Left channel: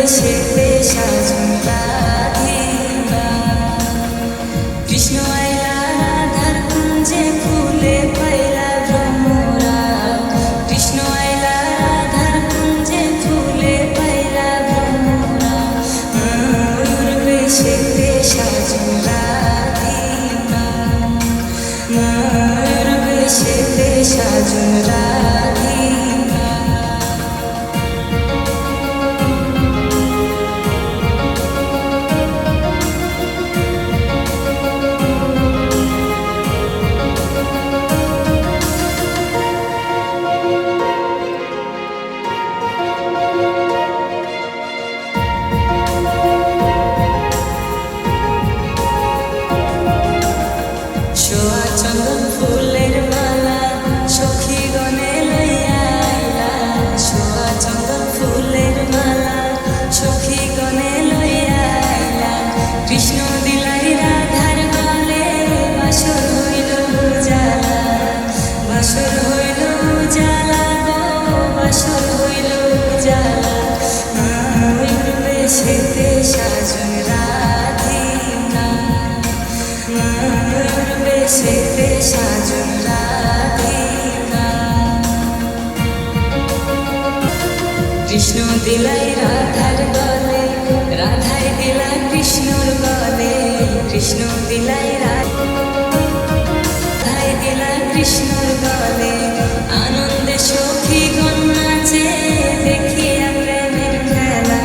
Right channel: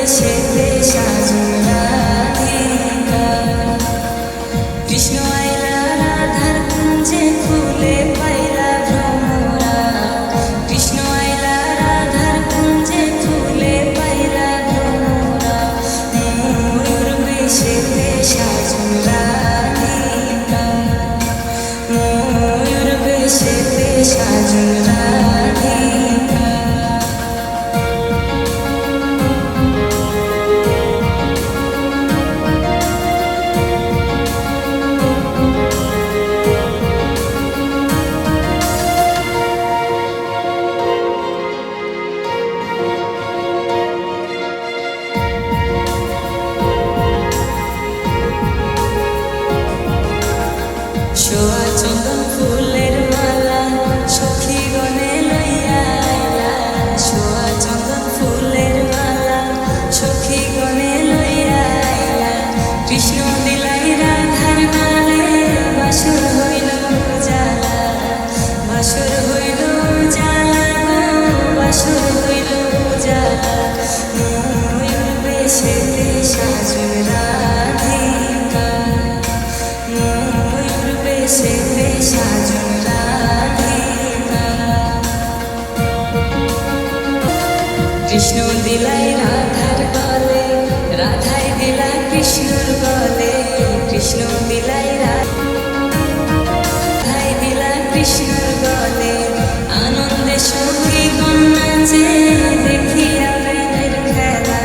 বেশেতে সাজন রাধিকা। কৃষ্ণ আইলা রাধার কুঞ্জে ফুলে পাইলা ভ্রমরা। কৃষ্ণ আইলা রাধার কুঞ্জে ফুলে পাইলা ভ্রমরা। ময়ূর বেশেতে সাজন রাধিকা। ময়ূর বেশেতে সাজন রাধিকা। সোয়া চন্দন ফুলের মালা সখী গনে লইয়া আইলা। সোয়া চন্দন ফুলের মালা সখী গনে লইয়া আইলা। কৃষ্ণ দিলাই রাধার গলে বাসর হইল জালা। বাসর হইল জালা গো বাসর হইল জালা। ময়ূর বেশেতে সাজন রাধিকা। ময়ূর বেশেতে সাজন রাধিকা। কৃষ্ণ দিলাই রাধার গলে রাধাই দিলা কৃষ্ণর গলে। কৃষ্ণ দিলাই রাধাই দিলা কৃষ্ণর গলে। আনন্দে সখী গণ নাচে দেখিয়া প্রেমের খেলা।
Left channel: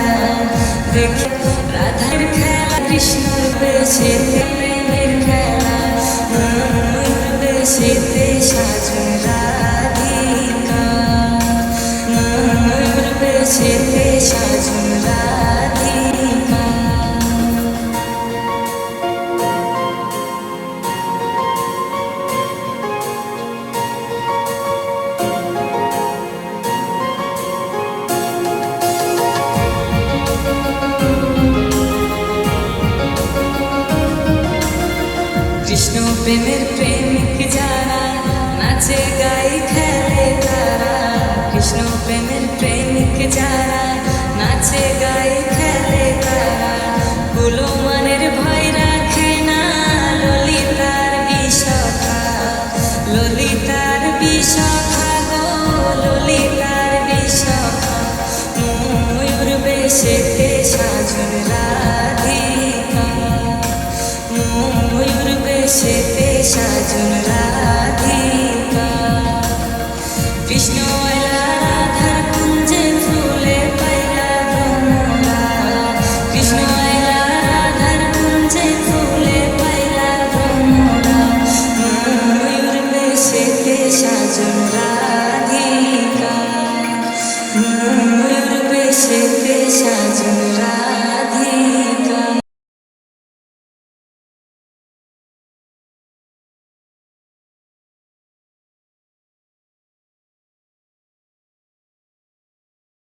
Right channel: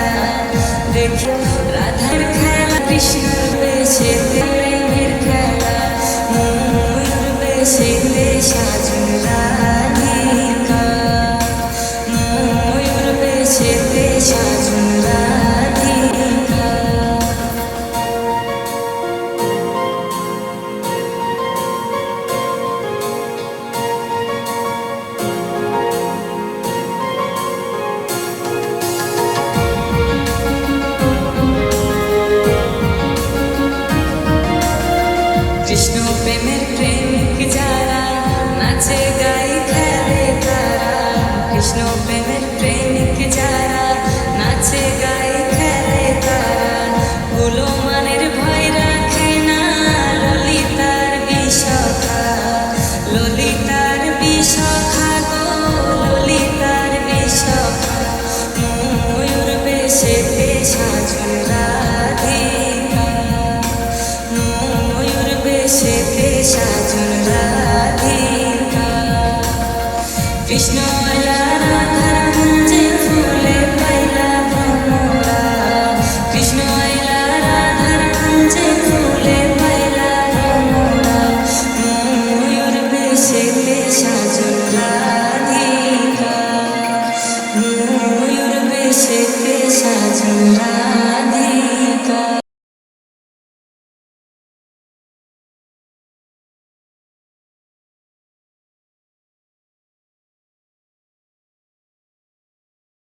দেখি রাধার খেলা কৃষ্ণর বেশেতে প্রেমের খেলা। ময়ূর বেশেতে সাজন রাধিকা। ময়ূর বেশেতে সাজন রাধিকা। কৃষ্ণ প্রেমের প্রেমিক যারা নাচে গাই খেলে তারা। কৃষ্ণ প্রেমের প্রেমিক যারা নাচে গাই খেলে তারা। গুলমানের ভয় রাখে না ললিতার বিশখা। ললিতার বিশখা গো ললিতার বিশখা। ময়ূর বেশেতে সাজন রাধিকা। ময়ূর বেশেতে সাজন রাধিকা। কৃষ্ণ আইলা রাধার কুঞ্জে ফুলে পাইলা ভ্রমরা। কৃষ্ণ আইলা রাধার কুঞ্জে ফুলে পাইলা ভ্রমরা। ময়ূর বেশেতে সাজন রাধিকা। ময়ূর বেশেতে সাজন রাধিকা।